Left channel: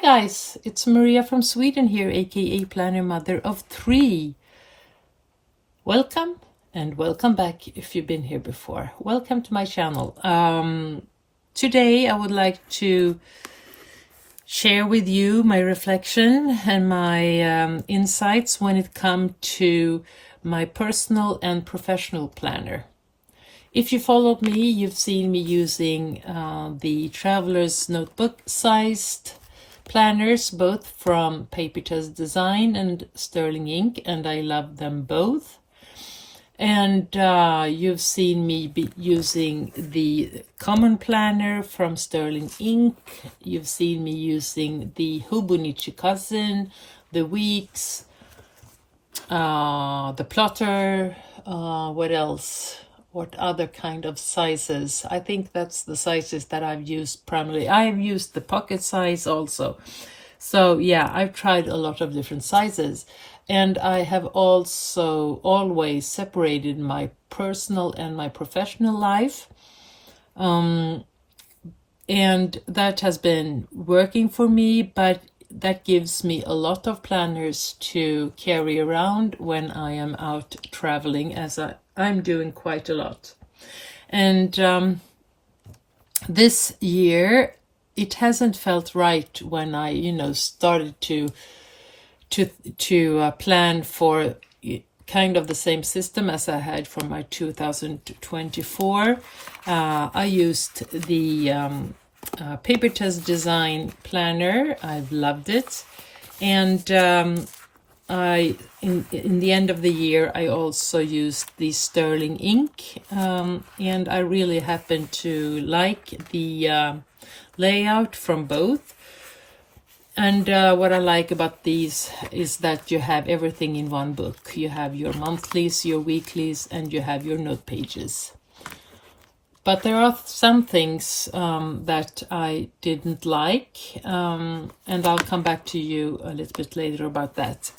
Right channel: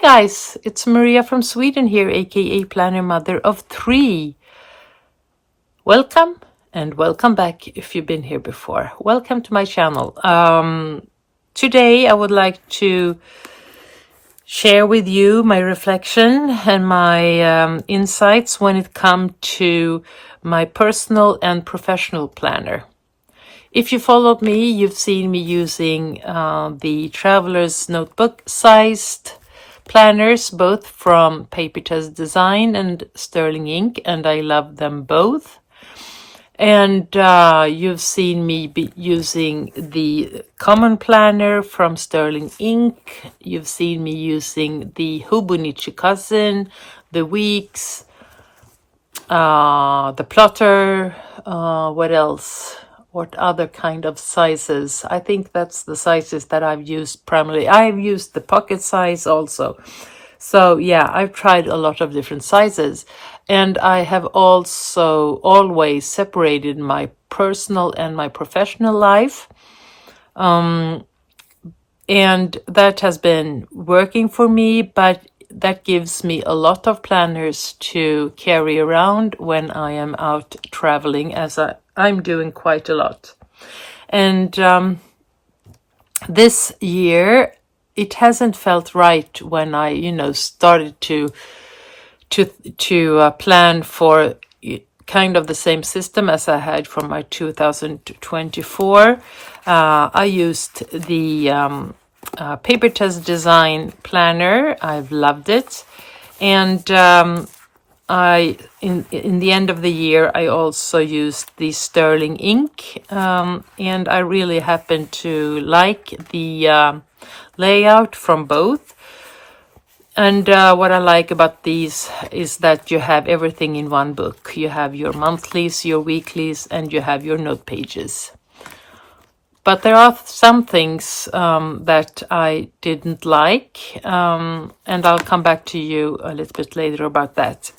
Hi guys, it's Maria from Sweden here, aka Planner Mother of 3. Welcome and welcome back if you've been here before. Welcome to my channel. Today I would like to share with you my reflection and my insights when it comes to my personal and professional planner. If you followed me, you've seen me using the Traveler's Notebook sized planners, both from Paper Test Design and Sterling Ink, and I love them both. And you've seen me using the Common Planner from Sterling Ink. You've seen me using the Hobonichi Cousin, the Weeks, the Plotter, what else? What other kind of sizes? I think that's the sizes that I've used primarily. I've used the pocket size also. So yeah, I've tried a lot of different sizes. And I have also always separated my personal and my professional life. And that has been working for me, but that gives me a lot of planners to carry around when I am out traveling, as I'm doing quite a lot. And this year, it hasn't felt right when I, started to plan for kind of the same system as I had from my 2024. I used the Paper Test Design Planner. I've loved it. And in the end of the year, I also used the Sterling Ink. And I really happen to like the layout from both. And what I like about these is that you have everything in one book. You have your monthlies, your weeklies, and you have your note pages. But there are some things that I didn't like, and I'll come back to you a little bit later about that.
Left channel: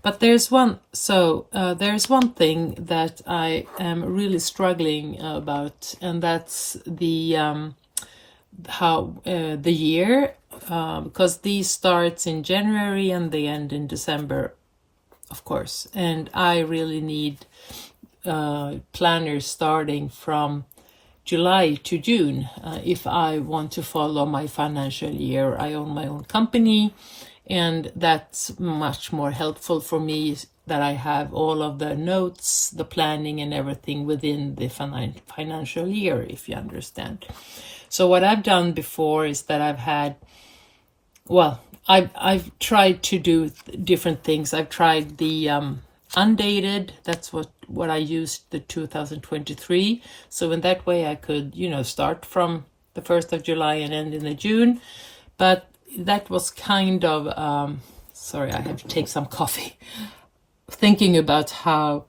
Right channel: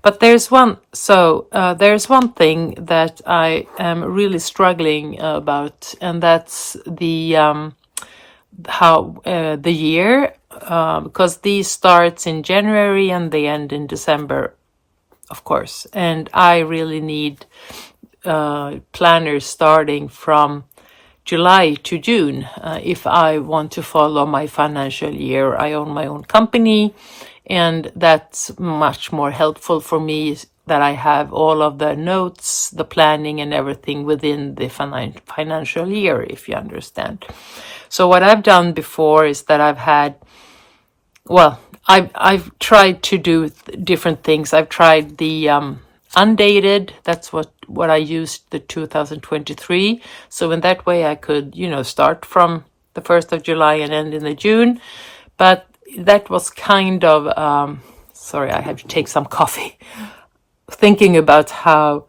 But there's one thing that I am really struggling about, and that's the the year, because these starts in January and they end in December, of course. And I really need planners starting from July to June if I want to follow my financial year. I own my own company, and that's much more helpful for me that I have all of the notes, the planning and everything within the financial year, if you understand. So what I've done before is that I've tried to do different things. I've tried the undated. That's what I used, the 2023. So in that way I could, start from the 1st of July and end in the June. But that was kind of, sorry, I have to take some coffee. Thinking about how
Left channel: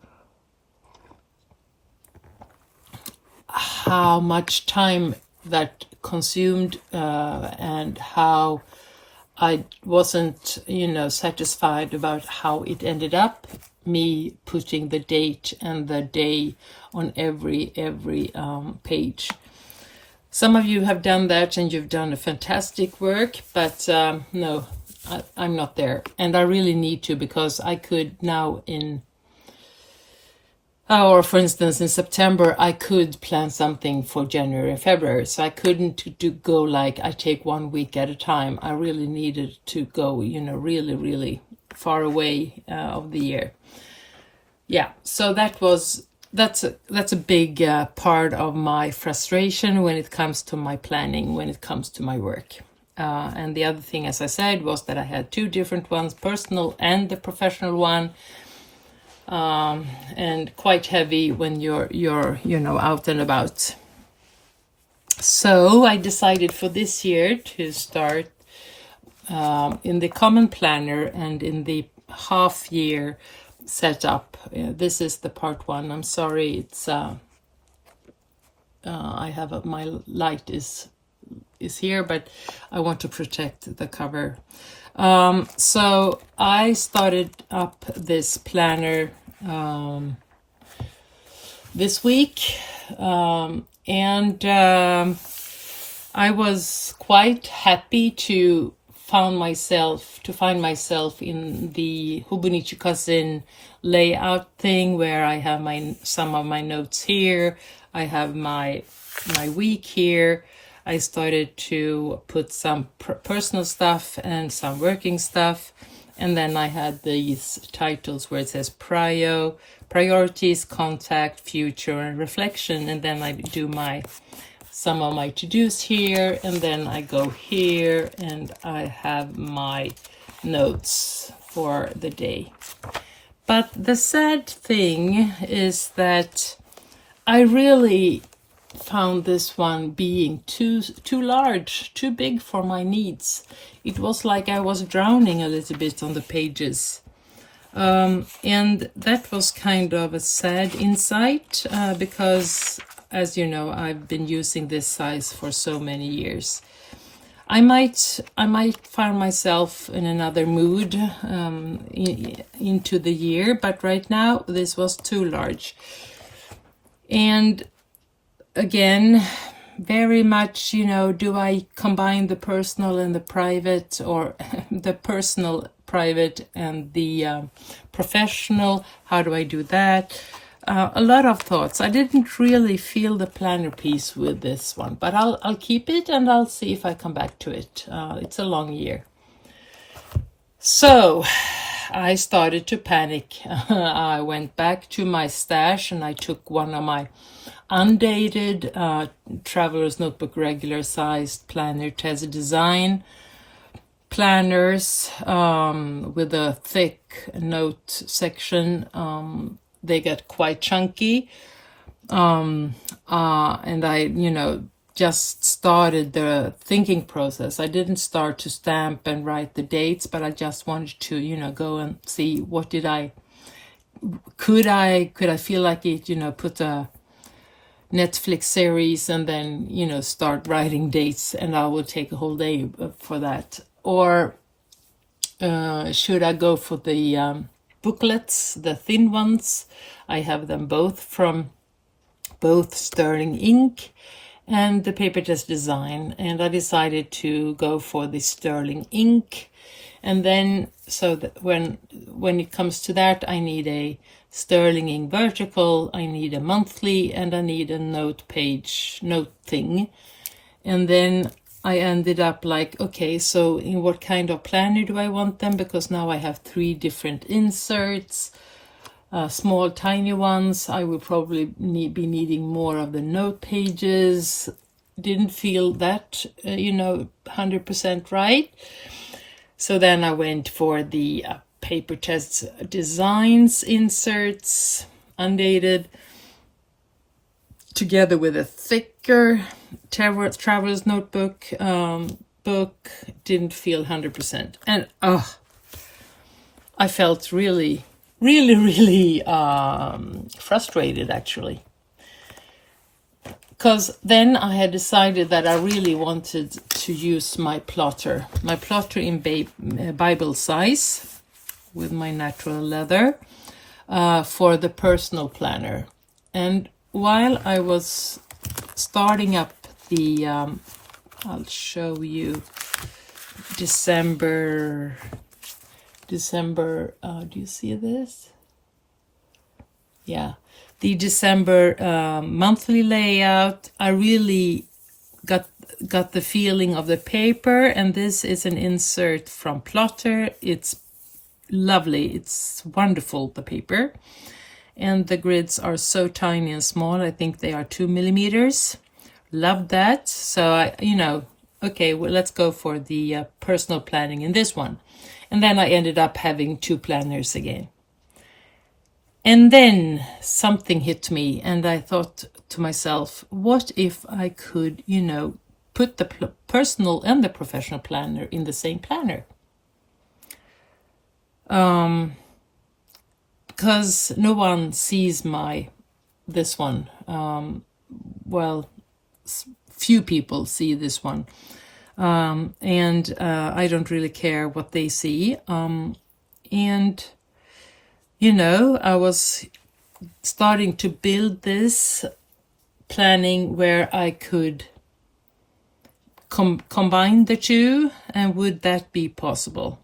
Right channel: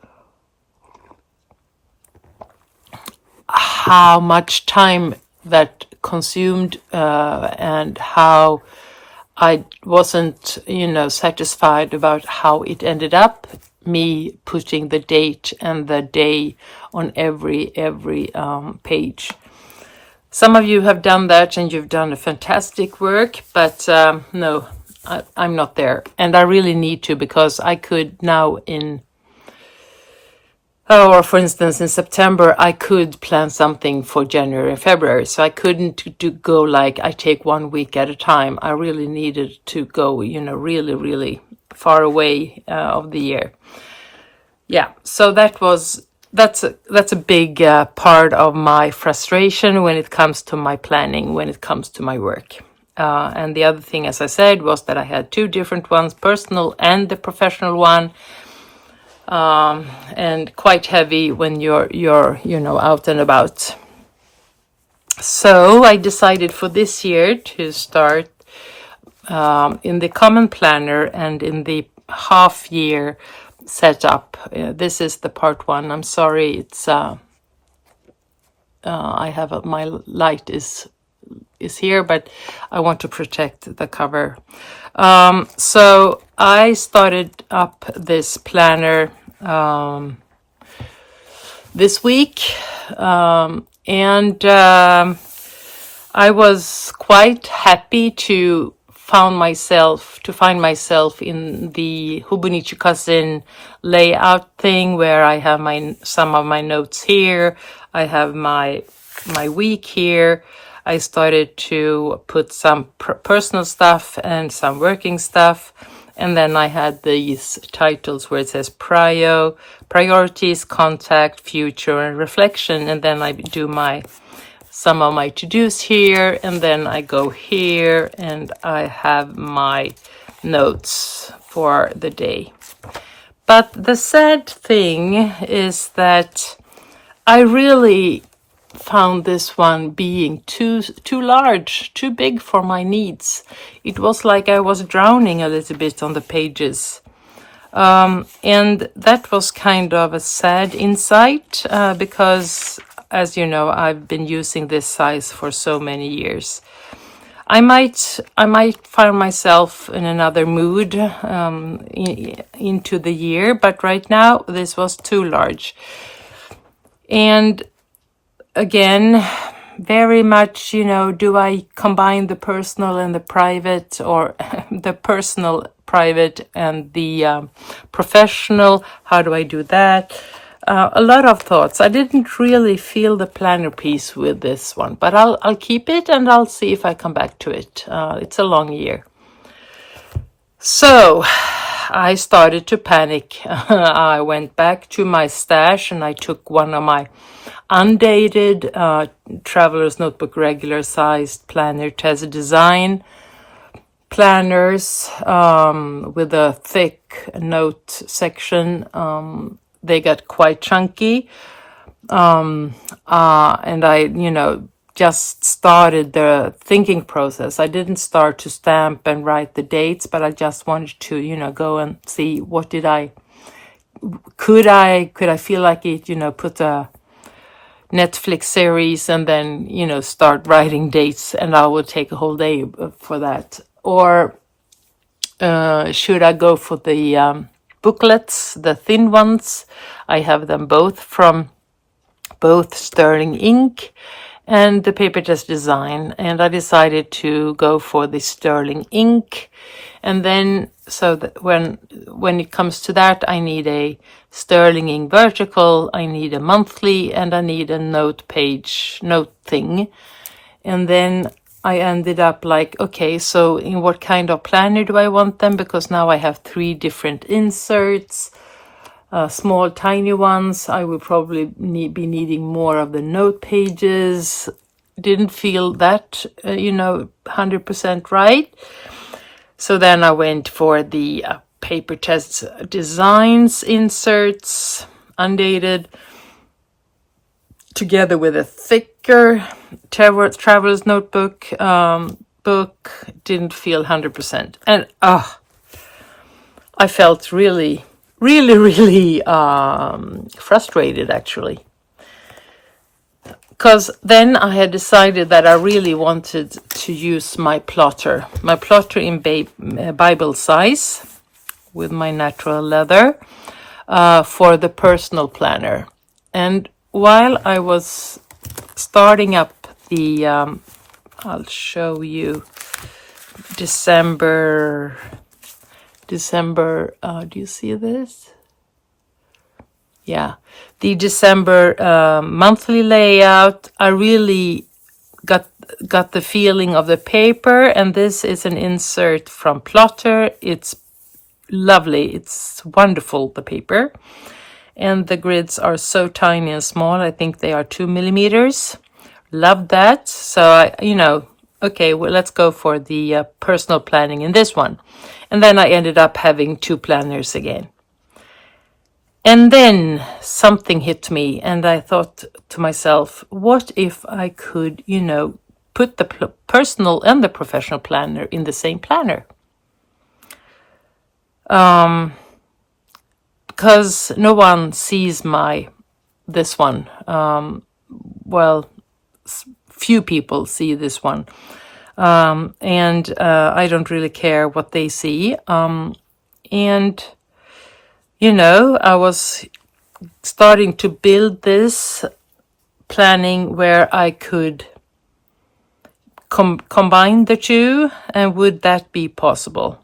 much time that consumed and how I wasn't, satisfied about how it ended up, me putting the date and the day on every page. Some of you have done that and you've done a fantastic work, but no, I'm not there. And I really need to, because I could now or for instance, in September, I could plan something for January and February. So I couldn't go like I take 1 week at a time. I really needed to go, really, really far away of the year. Yeah, so that's a big part of my frustration when it comes to my planning, when it comes to my work. And the other thing, as I said, was that I had two different ones, personal and the professional one. And quite heavy when you're out and about. So I decided for this year to start in the Common Planner and in the half year setup. This is the part 1. I'm sorry, it's I have my light is here, but I want to protect the cover. So I started up this planner this week, and I was quite happy to find myself in the Hobonichi Cousin layout thing, where I have some of my notes here. I have my week here. I started to put some personal stuff and some working stuff. And then I had these titles where it says priorities, contact, future, and reflection. And then I do some of my to-dos here. And then I go here and I have my notes for the day. But the sad thing is that I really found this one being too large, too big for my needs. It was like I was drowning a little bit on the pages. And that was kind of a sad insight, because, as you know, I've been using this size for so many years. I might find myself in another mood into the year, but right now this was too large. And again, very much, do I combine the personal and the private, or the personal, private, and the professional? How do I do that? A lot of thoughts. I didn't really feel the planner piece with this one, but I'll keep it and I'll see if I come back to it. It's a long year. So I started to panic. I went back to my stash and I took one of my undated Traveler's Notebook regular sized planner, Tessa Design planners, with a thick note section. They got quite chunky, and I just started the thinking process. I didn't start to stamp and write the dates, but I just wanted to go and see what could I feel like it, put a Netflix series and then start writing dates, and I would take a whole day for that. Or should I go for the booklets, the thin ones? I have them both from both Sterling Ink and the Paper Test Design, and I decided to go for the Sterling Ink. And then, so that when it comes to that, I need a Sterling Ink vertical, I need a monthly, and I need a note thing. And then I ended up like, okay, so in what kind of planner do I want them? Because now I have 3 different inserts, small, tiny ones. I will probably be needing more of the note pages. Didn't feel that, 100% right. So then I went for the Paper Test Designs inserts, undated, together with a thicker Traveler's Notebook book. Didn't feel 100%. And I felt really, really, really frustrated, actually. Because then I had decided that I really wanted to use my plotter in Bible size with my natural leather for the personal planner. And while I was starting up the, I'll show you December, do you see this? Yeah. The December monthly layout, I really got the feeling of the paper, and this is an insert from Plotter. It's lovely. It's wonderful, the paper. And the grids are so tiny and small. I think they are 2 millimeters. Love that. So okay, well, let's go for the personal planning in this one. And then I ended up having 2 planners again. And then something hit me, and I thought to myself, what if I could, put the personal and the professional planner in the same planner? Because no one sees this one. Few people see this one. And I don't really care what they see. I was starting to build this planning where I could combine the two, and would that be possible?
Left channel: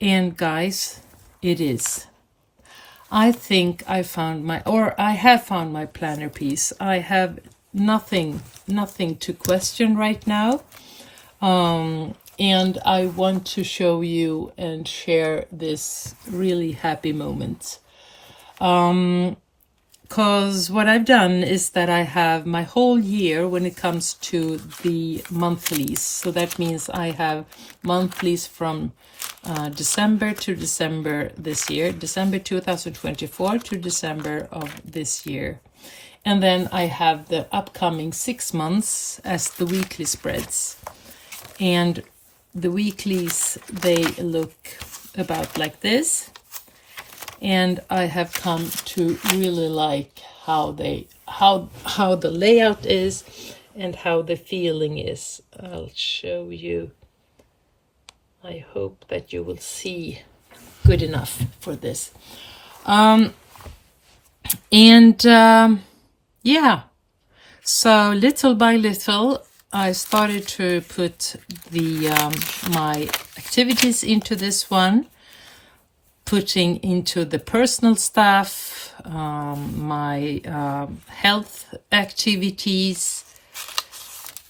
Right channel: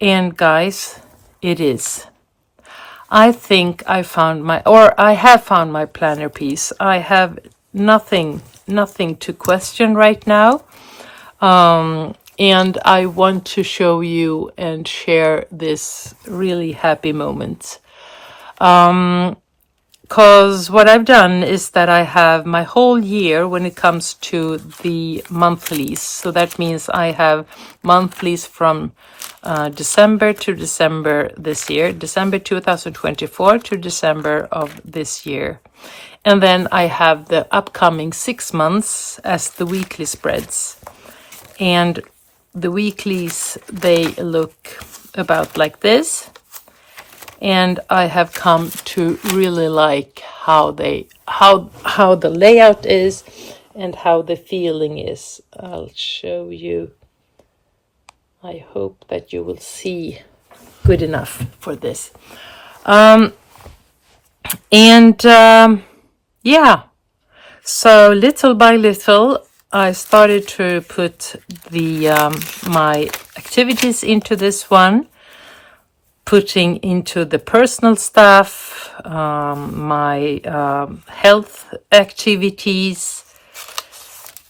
And guys, it is. I think I have found my planner piece. I have nothing to question right now. And I want to show you and share this really happy moment. Because what I've done is that I have my whole year when it comes to the monthlies. So that means I have monthlies from December to December this year, December 2024 to December of this year. And then I have the upcoming 6 months as the weekly spreads. And the weeklies, they look about like this. And I have come to really like how the layout is and how the feeling is. I'll show you. I hope that you will see good enough for this. Yeah, so little by little, I started to put the my activities into this one, putting into the personal stuff, my health activities,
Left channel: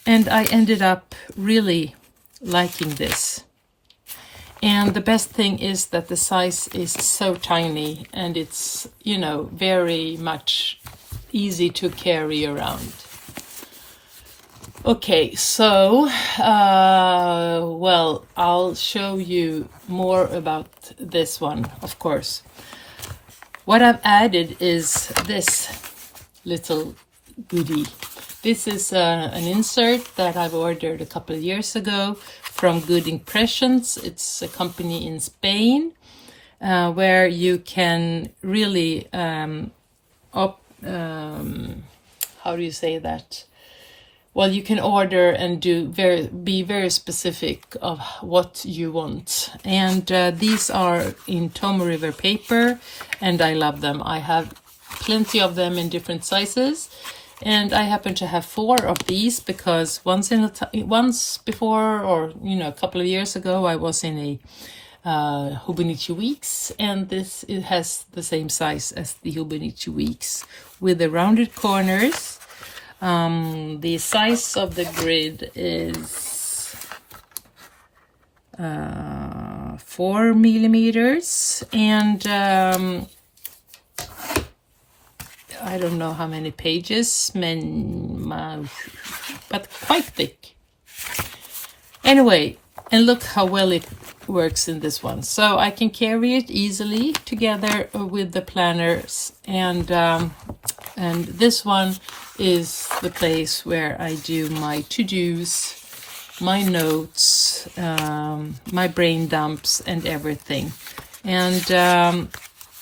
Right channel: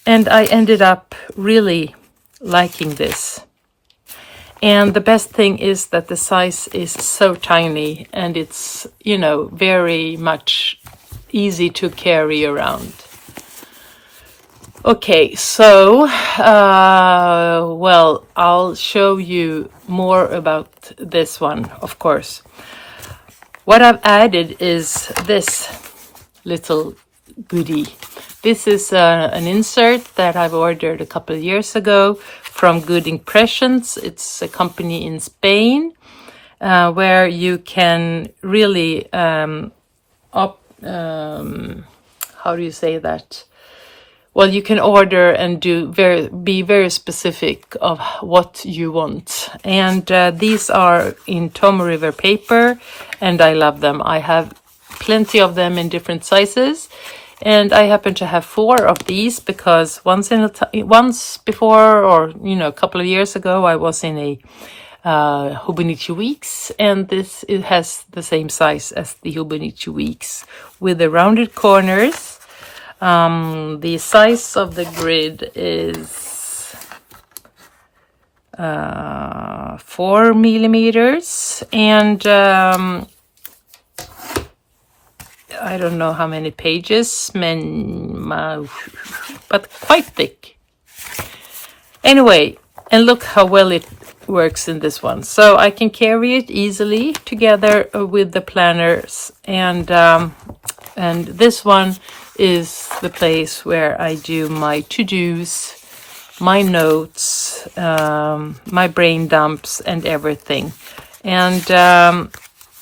and I ended up really liking this. And the best thing is that the size is so tiny, and it's, you know, very much easy to carry around. Okay, so, well, I'll show you more about this one, of course. What I've added is this little goodie. This is an insert that I've ordered a couple of years ago from Good Impressions. It's a company in Spain where you can really, how do you say that? Well, you can order and be very specific of what you want. And these are in Tomo River paper, and I love them. I have plenty of them in different sizes. And I happen to have 4 of these because once before, or you know, a couple of years ago, I was in a Hobonichi Weeks, and it has the same size as the Hobonichi Weeks with the rounded corners. The size of the grid is 4 millimeters, and I don't know how many pages, but quite thick. Anyway, and look how well it works in this one. So I can carry it easily together with the planners, and this one is the place where I do my to-dos, my notes, my brain dumps, and everything. And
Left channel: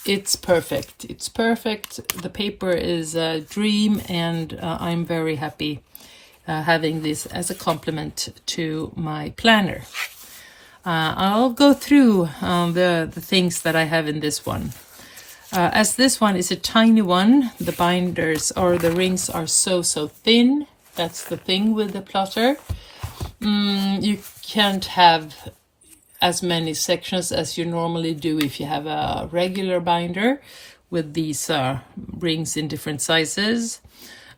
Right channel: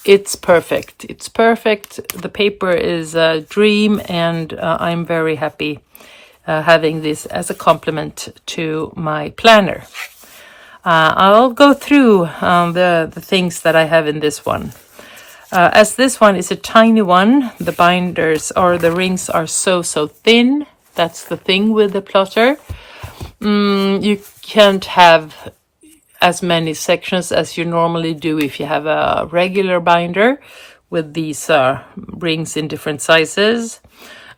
it's perfect. It's perfect. The paper is a dream, and I'm very happy having this as a complement to my planner. I'll go through the things that I have in this one. As this one is a tiny one, the binders or the rings are so thin. That's the thing with the plotter. You can't have as many sections as you normally do if you have a regular binder with these rings in different sizes.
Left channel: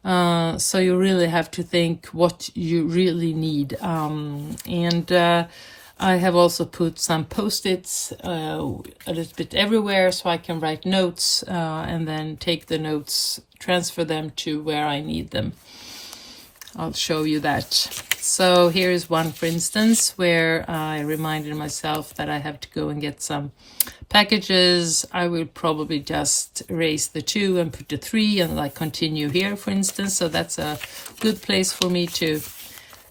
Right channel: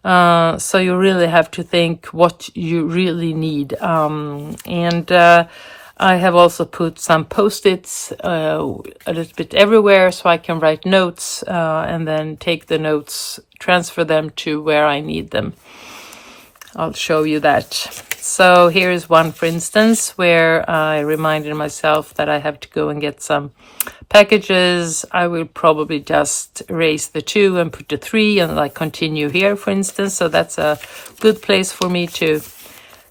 So you really have to think what you really need. I have also put some post-its a little bit everywhere so I can write notes and then take the notes, transfer them to where I need them. I'll show you that. So here is one, for instance, where I reminded myself that I have to go and get some packages. I will probably just erase the 2 and put the 3 and like continue here, for instance. So that's a good place for me to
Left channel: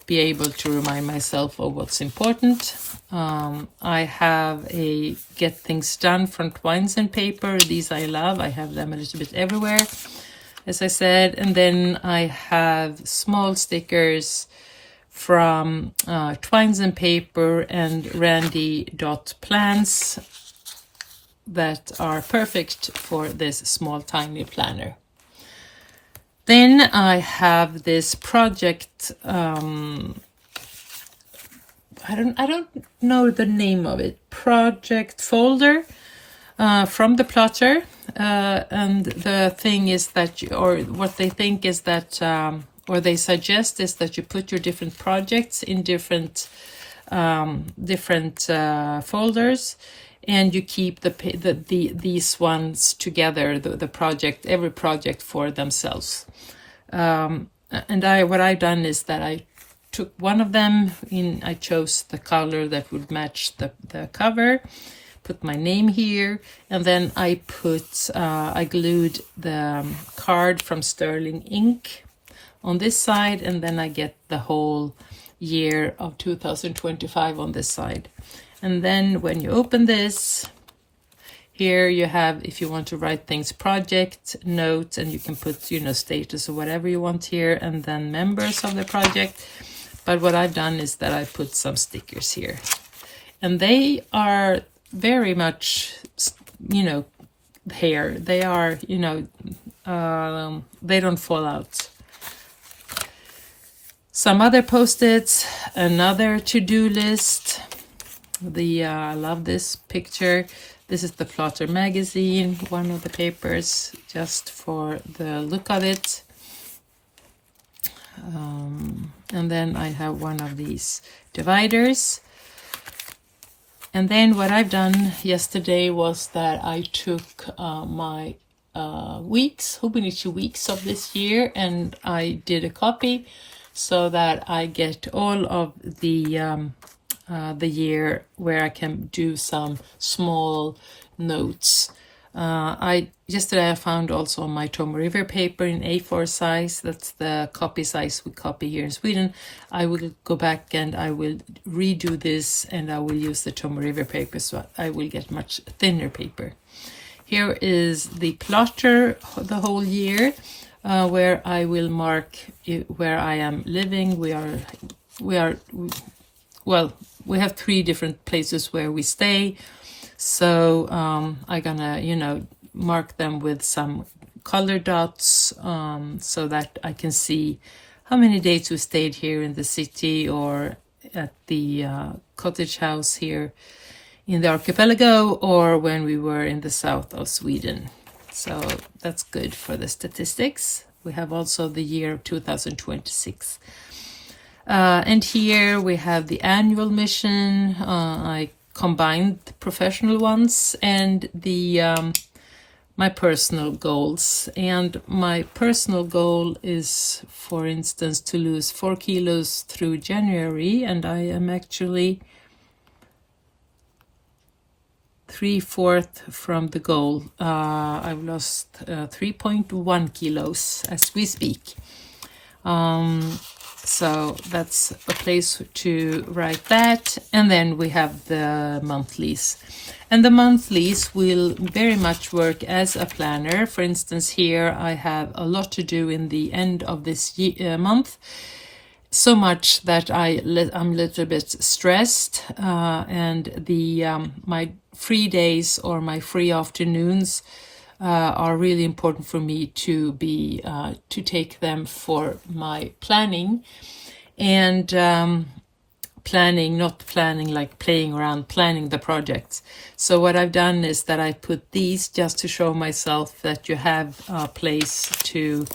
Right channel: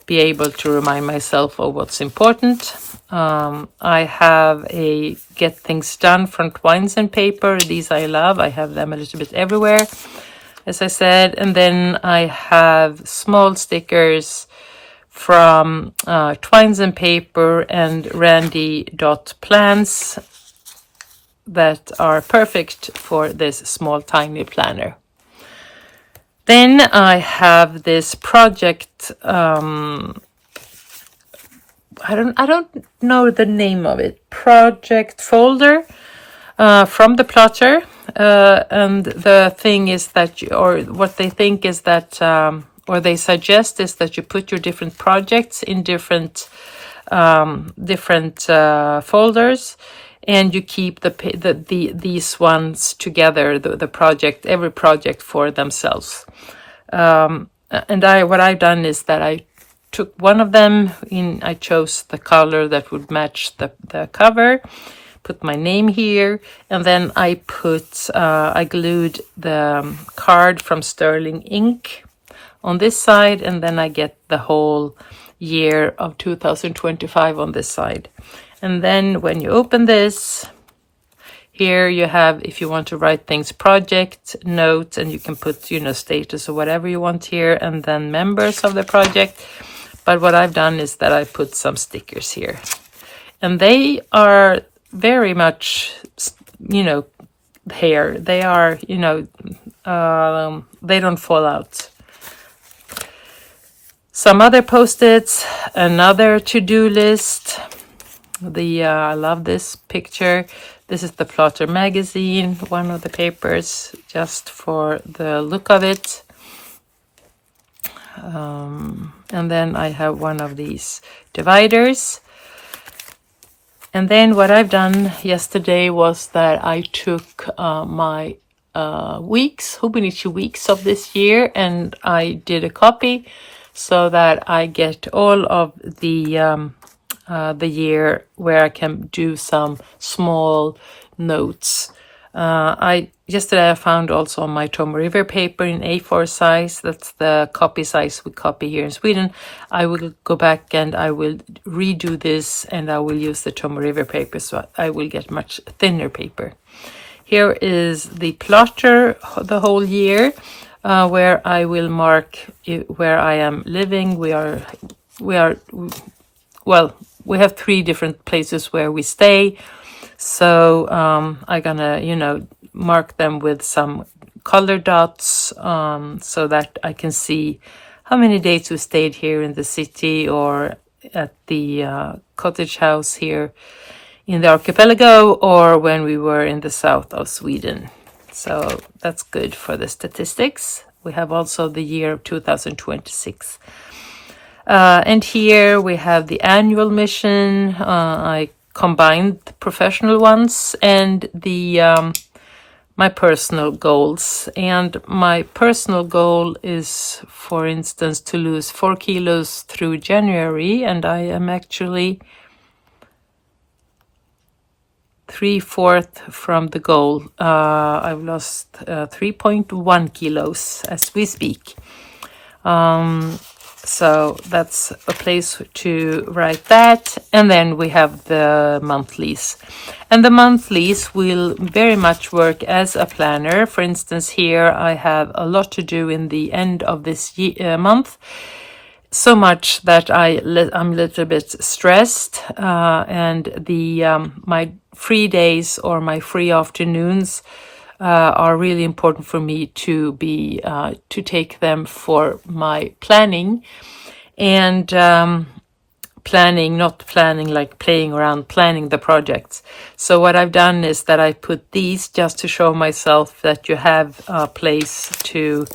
be able to remind myself of what's important. I have a Get Things Done from Twines and paper. These I love. I have them a little bit everywhere, as I said. And then I have small stickers from Twines and Paper and Randy.plans that are perfect for this small tiny planner. Then I have this project I don't know the name of it, project folder from the plotter. And the thing is that, or what they think is that, or they suggest is that you put your different projects in different folders, and you keep these ones together, the project, every project for themselves. And what I've done is that I took one of them I chose the color that would match the cover, put my name here, and then I glued the card from Sterling Ink on this side, and then I get the whole year of 2025 on this side. And then when you open this, here you have, if you want to write things, project, notes, and you can put, status or whatever you want here, and then members of the project. But what I've done is that I put some stickers here. And they are very much, here. They are, they don't fall out. Some other post-its, another to-do list. I love this picture. This is the Plotter magazine, one of the papers, just for the look of it. And then I have one of these dividers. And then what I've done yesterday was that I took my Hobonichi weeks of this year, and I did a copy so that I get all of the year where I can do some small notes. Yesterday I found also my Tomo River paper in A4 size. That's the copy size we copy here in Sweden. I will go back and I will redo this, and I will use the Tomo River paper, so I will get much thinner paper. Here is the plotter the whole year, where I will mark where I am living. We have 3 different places where we stay. So I'm gonna, mark them with some color dots, so that I can see how many days we stayed here in the city or at the cottage house here in the archipelago, or when we were in the south of Sweden. So that's good for the statistics. We have also the year of 2026. And here we have the annual mission. I combined the professional ones and my personal goals. And my personal goal is, for instance, to lose 4 kilos through January, and I am actually 3/4 from the goal. I've lost 3.1 kilos as we speak. So that's a place to write that. And then we have the monthlies. And the monthlies will very much work as a planner. For instance, here I have a lot to do in the end of this month. So much that I'm a little bit stressed. And my free days or my free afternoons are really important for me to take them for my planning, and not planning like playing around, planning the projects. So what I've done is that I put these just to show myself that you have a place to,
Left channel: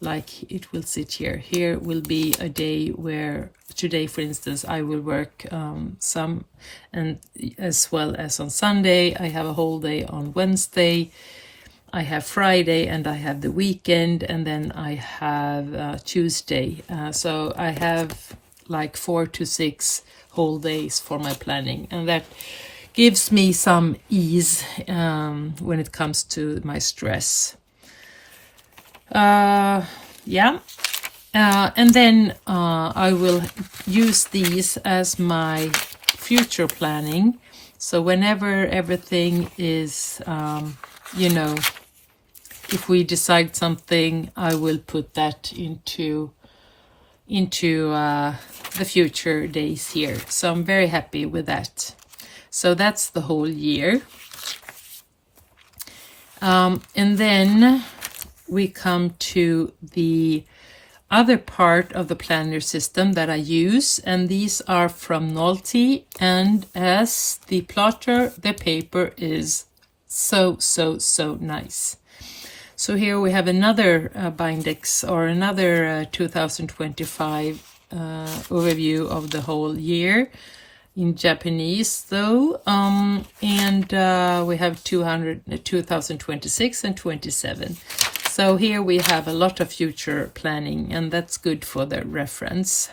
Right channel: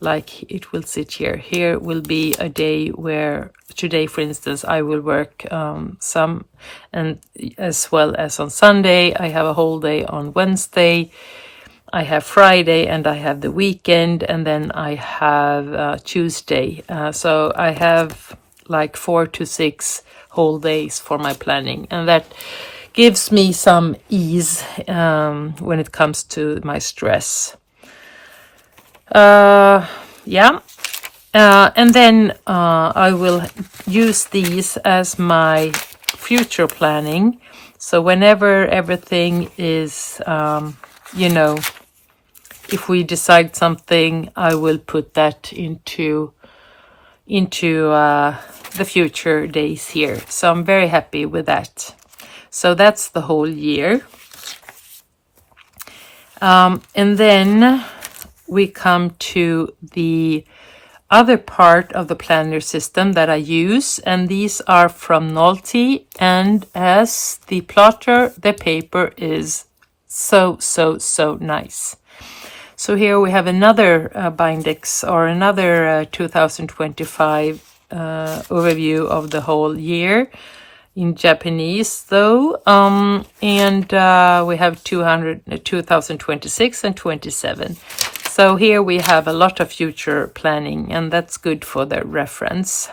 like, it will sit here. Here will be a day where today, for instance, I will work some, and as well as on Sunday. I have a whole day on Wednesday. I have Friday, and I have the weekend, and then I have Tuesday. So I have like 4 to 6 whole days for my planning, and that gives me some ease when it comes to my stress. And then I will use these as my future planning. So whenever everything is, if we decide something, I will put that into the future days here. So I'm very happy with that. So that's the whole year. And then we come to the other part of the planner system that I use, and these are from Nolte, and as the plotter, the paper is so nice. So here we have another Bindex, or another 2025 overview of the whole year in Japanese though, and we have 2026 and 27. So here we have a lot of future planning, and that's good for the reference.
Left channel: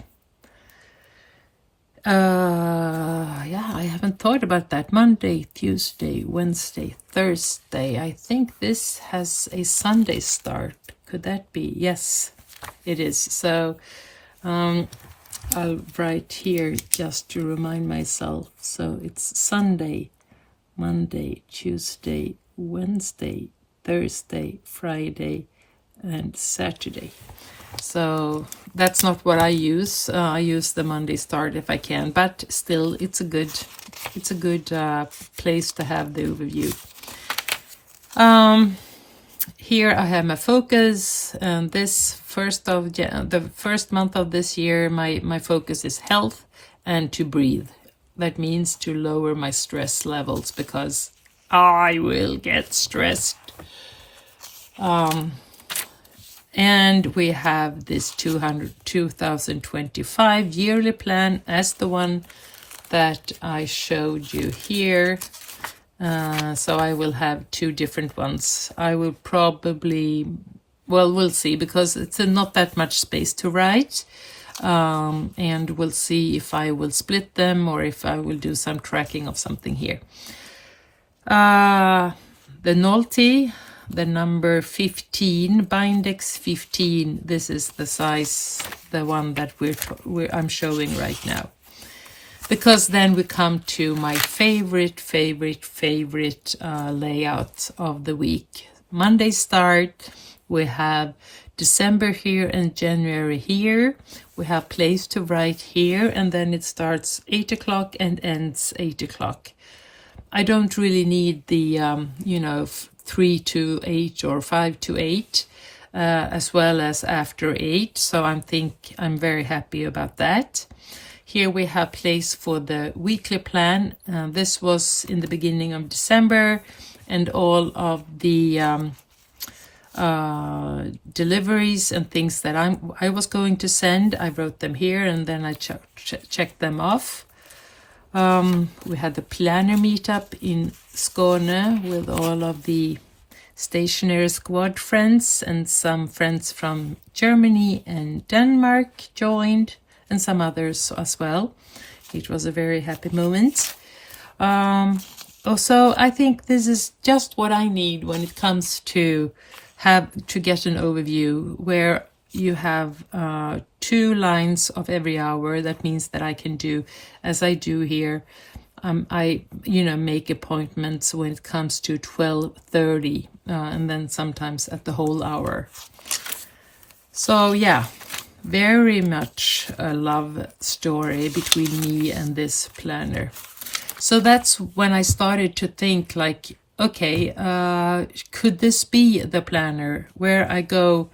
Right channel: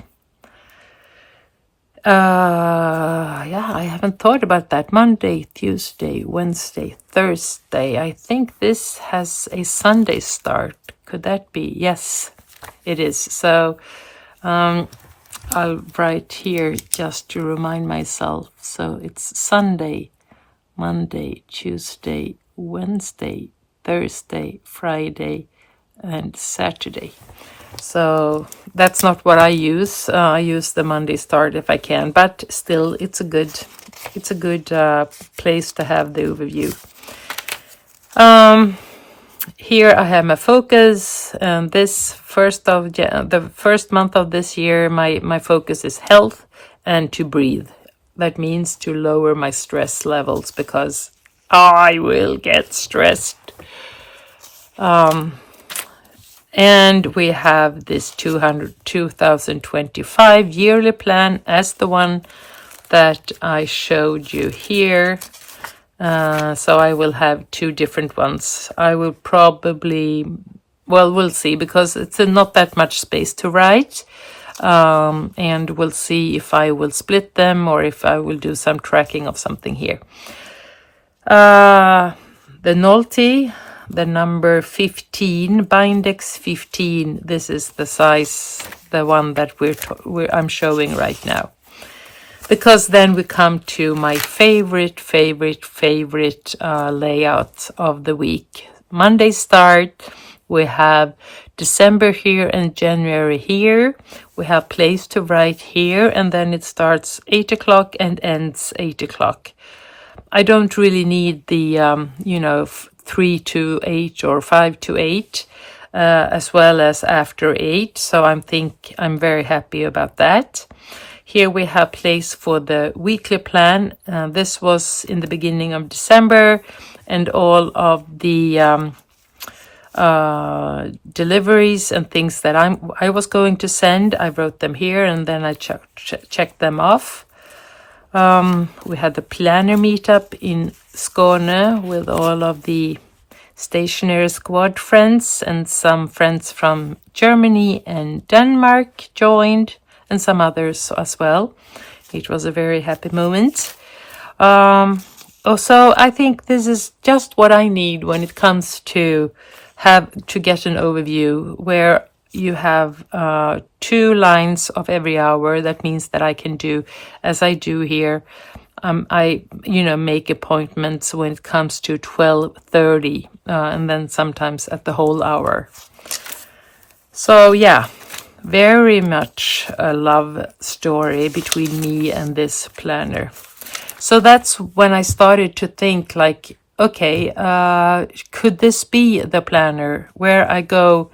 Yeah, I haven't thought about that. Monday, Tuesday, Wednesday, Thursday. I think this has a Sunday start. Could that be? Yes, it is. So I'll write here just to remind myself. So it's Sunday, Monday, Tuesday, Wednesday, Thursday, Friday, and Saturday. So that's not what I use. I use the Monday start if I can, but still, it's a good place to have the overview. Here I have my focus, and this the first month of this year, my focus is health and to breathe. That means to lower my stress levels, because I will get stressed. And we have this 2025 yearly plan as the one that I showed you here. So I will have two different ones. I will probably, well, we'll see, because it's not that much space to write. And we'll see if I will split them or if I will do some tracking of something here. The Nolte, the number 15, Bindex 15. This is the size, the one that I'm showing right now. Because then we come to my favorite layout of the week. Monday start, we have December here and January here. We have place to write here, and then it starts 8 o'clock and ends 8 o'clock. I don't really need the, 3 to 8 or 5 to 8, as well as after 8. So I'm very happy about that. Here we have place for the weekly plan. This was in the beginning of December, and all of the deliveries and things that I was going to send, I wrote them here, and then I checked them off. We had the planner meetup in Skåne with all of the stationary squad friends, and some friends from Germany and Denmark joined, and some others as well. It was a very happy moment. Also, I think this is just what I need when it comes to get an overview where you have 2 lines of every hour. That means that I can do, as I do here, I make appointments when it comes to 12:30, and then sometimes at the whole hour. So yeah, very much a love story between me and this planner. So that's when I started to think, like, okay, could this be the planner where I go,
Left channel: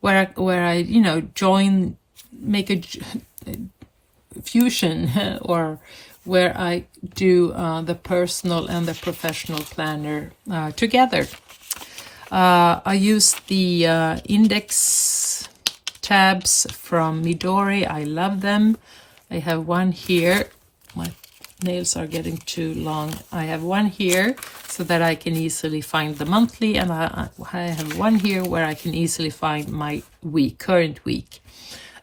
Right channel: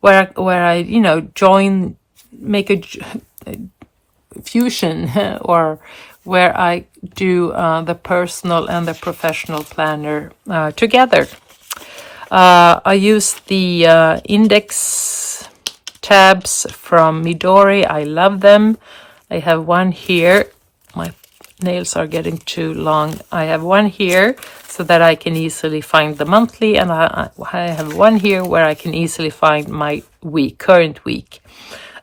where I join, make a fusion, or where I do the personal and the professional planner together. I use the index tabs from Midori. I love them. I have one here. My nails are getting too long. I have one here so that I can easily find the monthly, and I have one here where I can easily find my current week.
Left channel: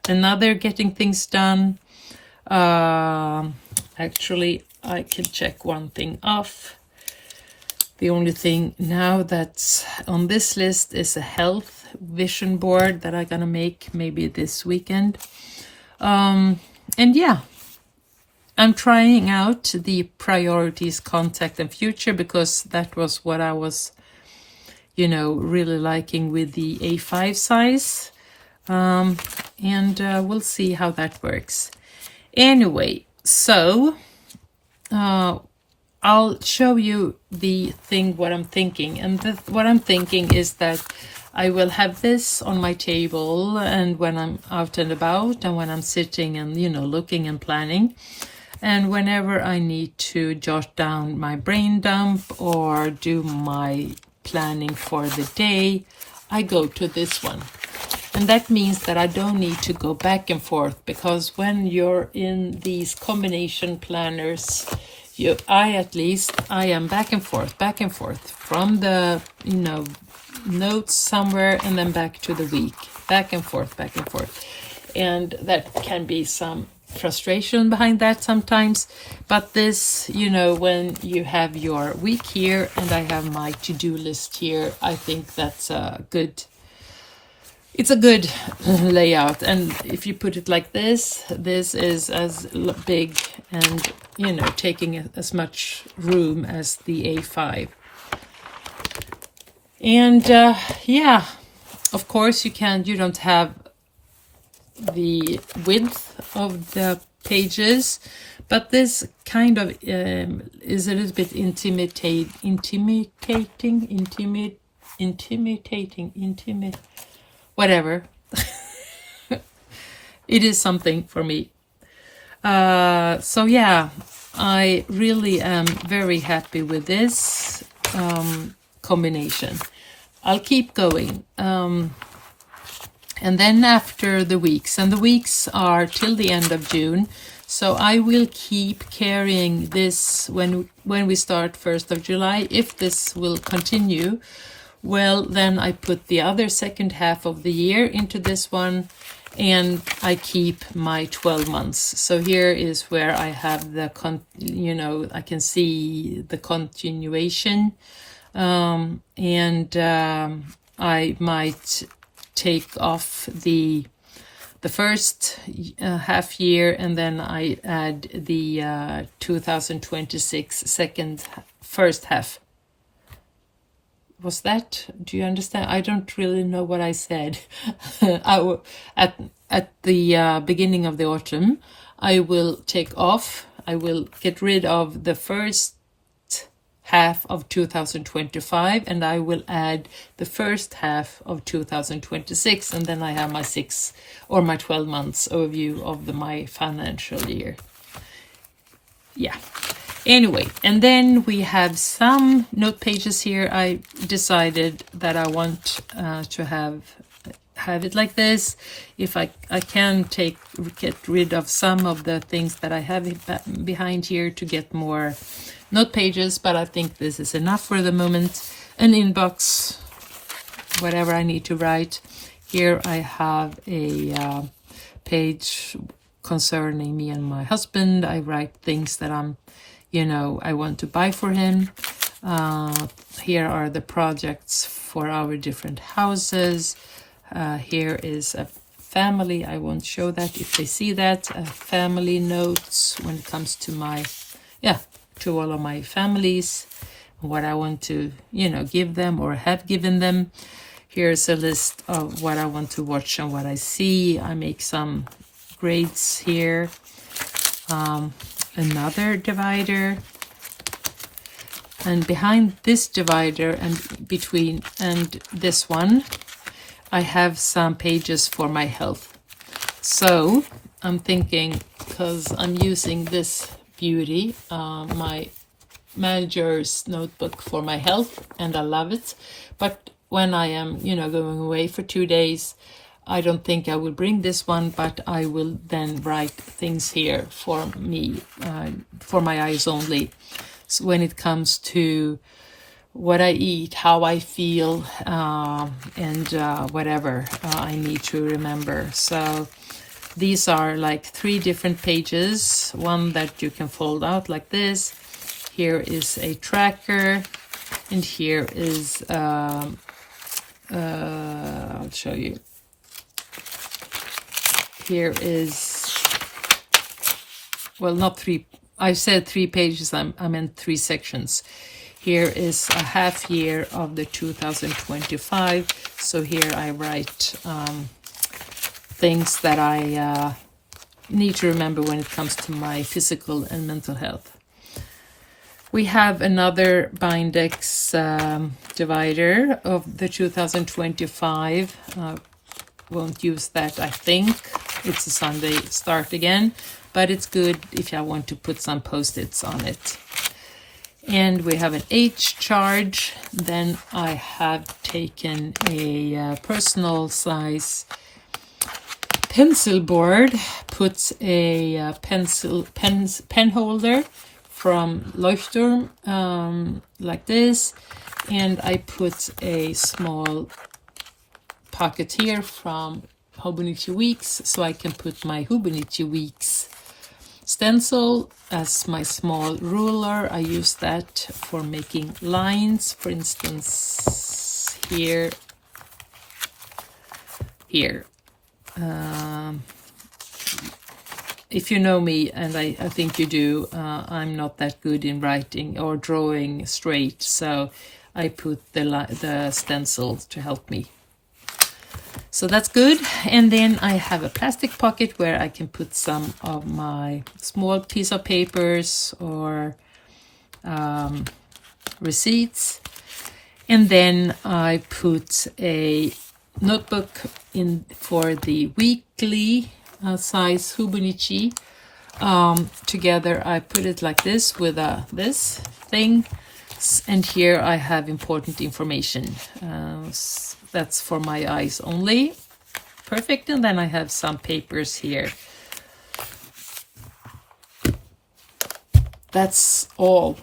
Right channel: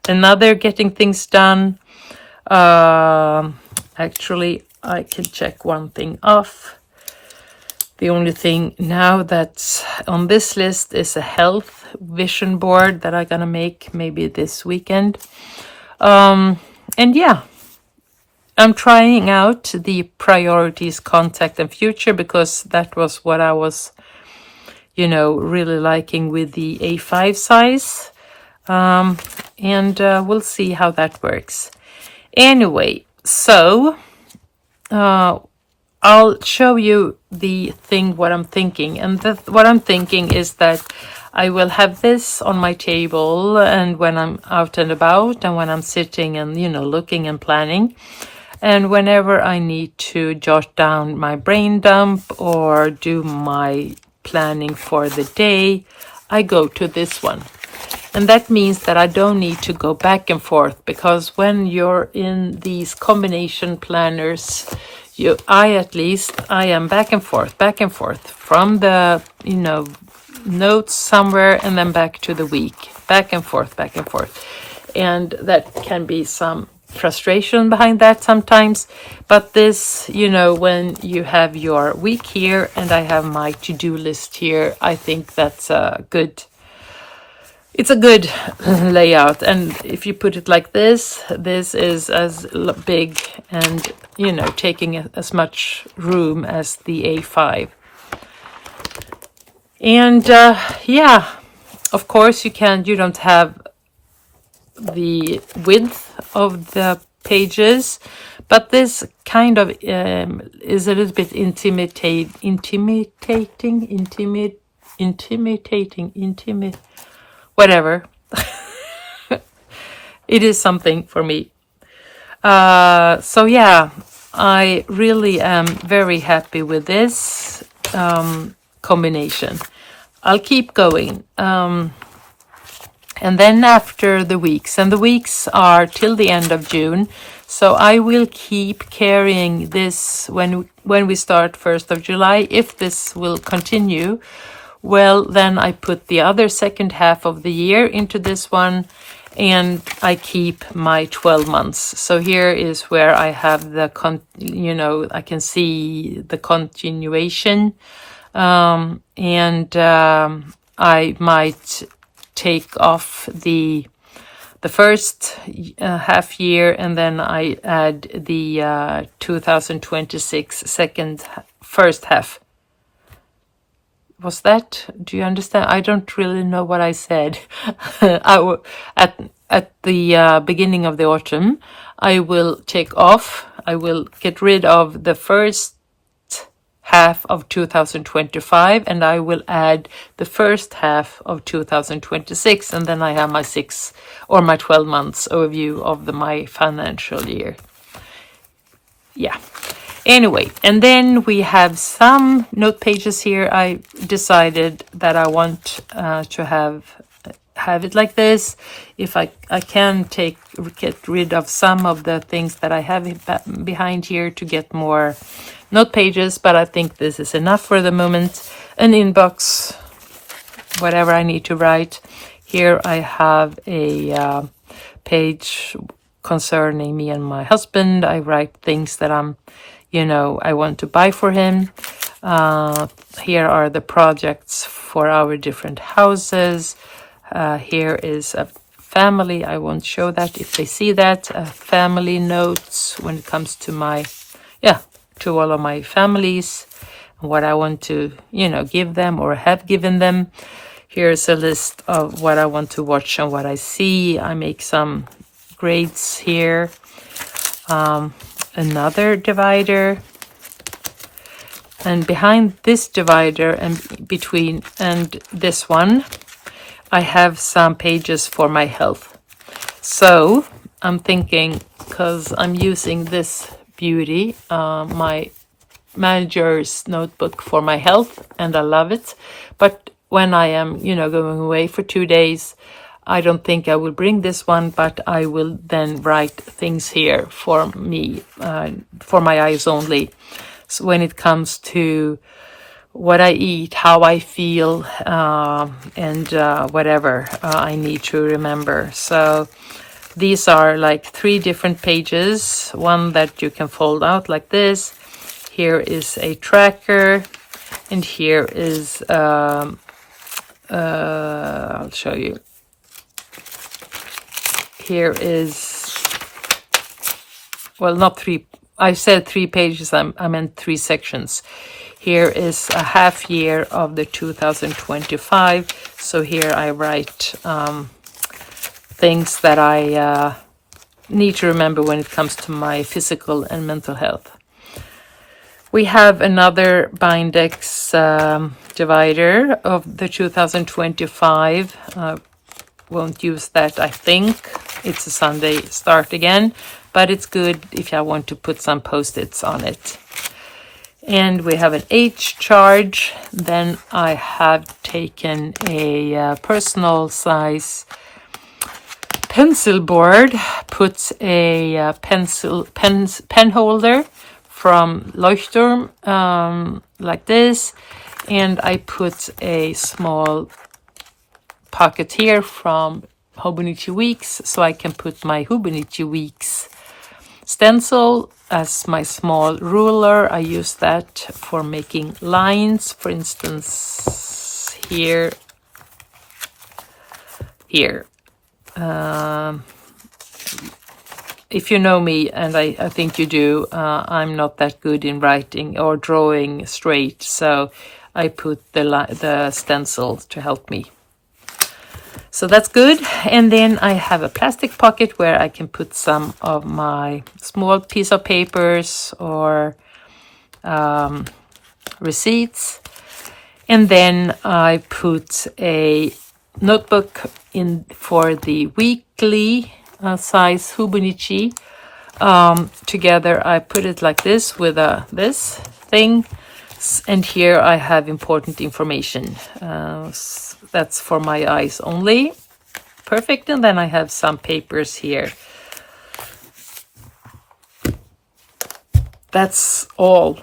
Another getting things done. Actually, I can check one thing off. The only thing now that's on this list is a health vision board that I'm gonna make maybe this weekend. And yeah, I'm trying out the priorities, contact, and future, because that was what I was, really liking with the A5 size. And we'll see how that works. Anyway, so I'll show you what I'm thinking. And what I'm thinking is that I will have this on my table, and when I'm out and about, and when I'm sitting and, looking and planning. And whenever I need to jot down my brain dump or do my planning for the day, I go to this one. And that means that I don't need to go back and forth, because when you're in these combination planners, I am back and forth from the, notes somewhere and then back to the week, back and forth. And that can be some frustration behind that sometimes. But this, when you have your week here and I have my to-do list here, I think that's it's a good layout. And if you put it like this is as big and, taking as much room as the A5. And of course you don't have the width of the pages, but this kind of is a little bit intimidating, whatever. It is something for me. So yeah, I really am very happy with this combination. I'll keep going. And then after the weeks, and the weeks are till the end of June, so I will keep carrying this when we start 1st of July. If this will continue, well, then I put the other second half of the year into this one, and I keep my 12 months. So here is where I have the, I can see the continuation, and I might take off the first half year, and then I add the 2026 first half. Was that? Do you understand? I don't really know what I said. At the beginning of the autumn, I will get rid of the first half of 2025, and I will add the first half of 2026, and then I have my 12 months overview of my financial year. Yeah. Anyway, and then we have some note pages here. I decided that I want to have it like this. If I can get rid of some of the things that I have behind here to get more note pages, but I think this is enough for the moment. An inbox, whatever I need to write. Here I have a page concerning me and my husband. I write things that I want to buy for him. Here are the projects for our different houses. Here is a family. I won't show that if they see that. Family notes when it comes to to all of my families, what I want to, give them or have given them. Here's a list of what I want to watch and what I see. I make some grades here. Another divider, and behind this divider and between and this one, I have some pages for my health. So I'm thinking, because I'm using this beauty, my manager's notebook for my health, and I love it. But when I am, going away for 2 days, I don't think I will bring this one, but I will then write things here for me, for my eyes only. So when it comes to what I eat, how I feel, and whatever I need to remember. So these are like 3 different pages, one that you can fold out like this. Here is a tracker, and here is, I'll show you. Here is, well, not 3, I said 3 pages, I meant 3 sections. Here is a half year of the 2025. So here I write things that I need to remember when it comes to my physical and mental health. We have another Bindex divider of the 2025. Won't use that, I think. It's a Sunday start again, but it's good if I want to put some post-its on it. And we have an H charge. Then I have taken a personal size pencil board, put a pen holder from Leuchtturm like this, and I put a small pocket here from Hobonichi Weeks, so I can put my Hobonichi Weeks stencil as my small ruler. I use that for making lines, for instance here. If you know me, and I think you do, I'm not that good in writing or drawing straight, so I put the stencil to help me. So that's good. And then I have a plastic pocket where I can put some of my small piece of papers or receipts. And then I put a notebook in for the weekly size Hobonichi. Together I put it like this with this thing, and here I have important information. That's for my eyes only. Perfect. And then I have some papers here. That's all.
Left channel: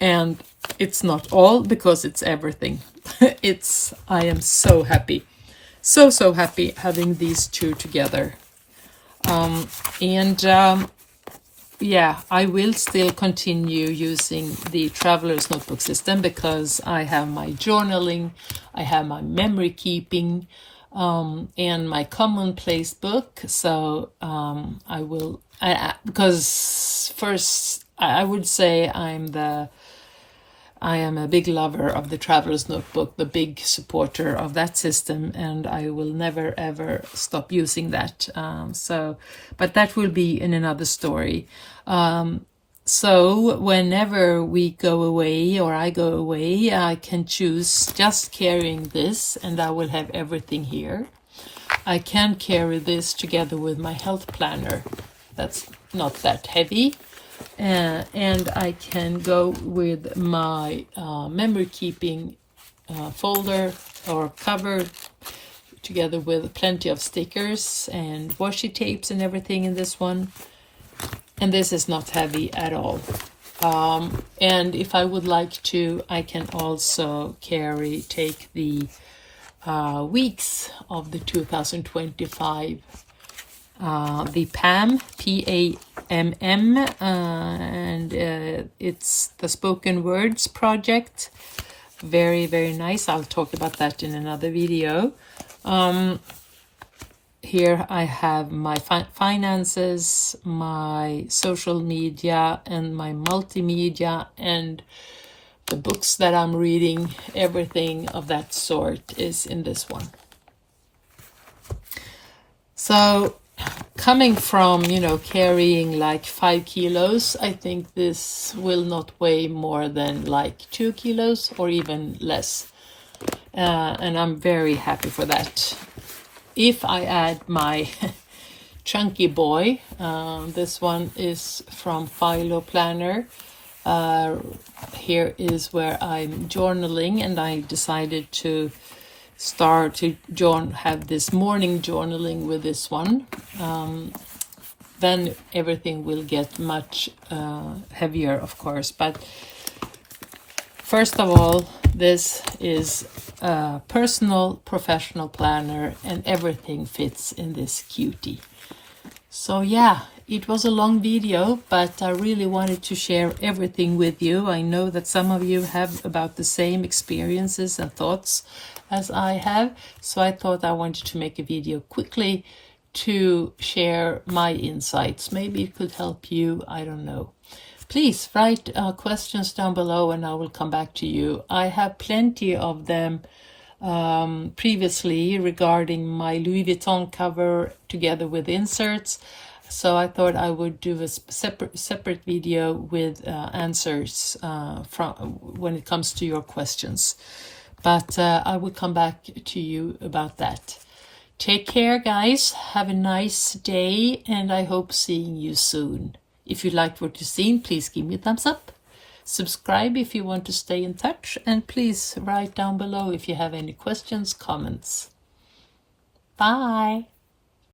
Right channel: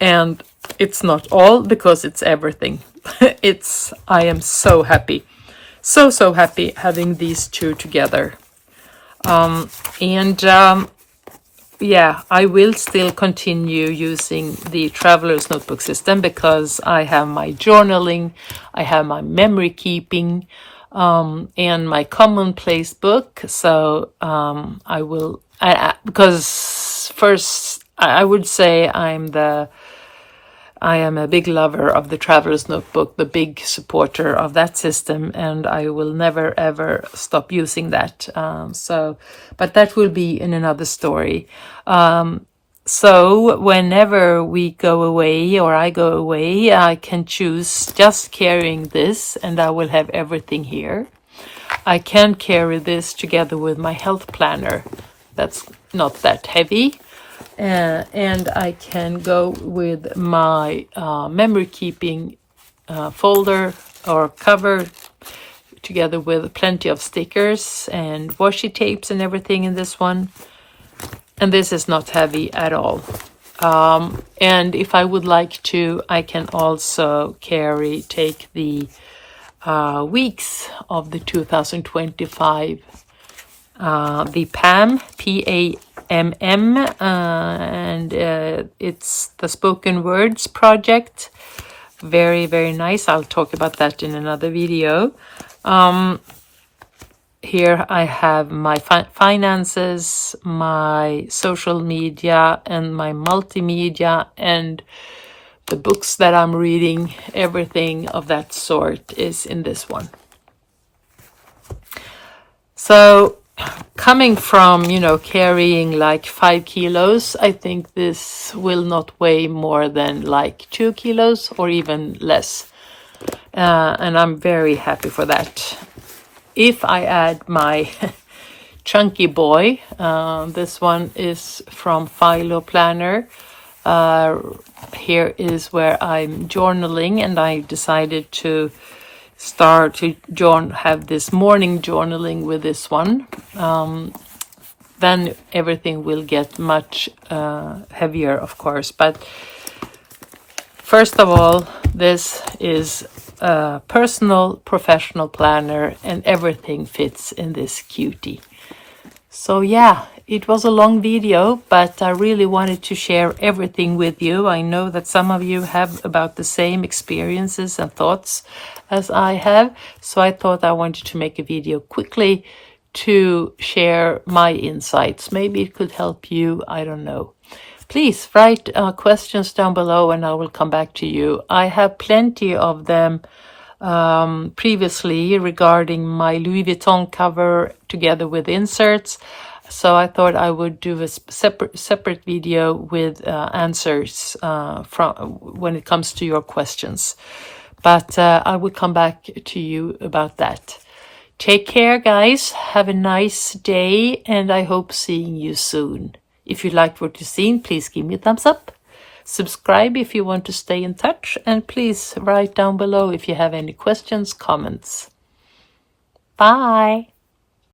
And it's not all, because it's everything. I am so happy. So happy having these two together. Yeah, I will still continue using the Traveler's Notebook system, because I have my journaling, I have my memory keeping, and my commonplace book. So because first I would say I am a big lover of the Traveler's Notebook, the big supporter of that system, and I will never ever stop using that. But that will be in another story. So whenever we go away or I go away, I can choose just carrying this, and I will have everything here. I can carry this together with my health planner. That's not that heavy. And I can go with my memory keeping folder or cover, together with plenty of stickers and washi tapes and everything in this one. And this is not heavy at all. And if I would like to, I can also take the weeks of the 2025, the PAM, P-A-M-M, and it's the Spoken Words project. Very, very nice. I'll talk about that in another video. Here I have my finances, my social media, and my multimedia, and the books that I'm reading. Everything of that sort is in this one. So coming from, carrying like 5 kilos, I think this will not weigh more than like 2 kilos or even less. And I'm very happy for that. If I add my chunky boy, this one is from Philo Planner. Here is where I'm journaling, and I decided to start to have this morning journaling with this one. Then everything will get much heavier, of course. But first of all, this is a personal professional planner, and everything fits in this cutie. So yeah, it was a long video, but I really wanted to share everything with you. I know that some of you have about the same experiences and thoughts as I have, so I thought I wanted to make a video quickly to share my insights. Maybe it could help you, I don't know. Please write questions down below and I will come back to you. I have plenty of them previously regarding my Louis Vuitton cover together with inserts. So I thought I would do a separate video with answers from when it comes to your questions. But I will come back to you about that. Take care, guys. Have a nice day, and I hope seeing you soon. If you liked what you've seen, please give me a thumbs up. Subscribe if you want to stay in touch, and please write down below if you have any questions, comments. Bye.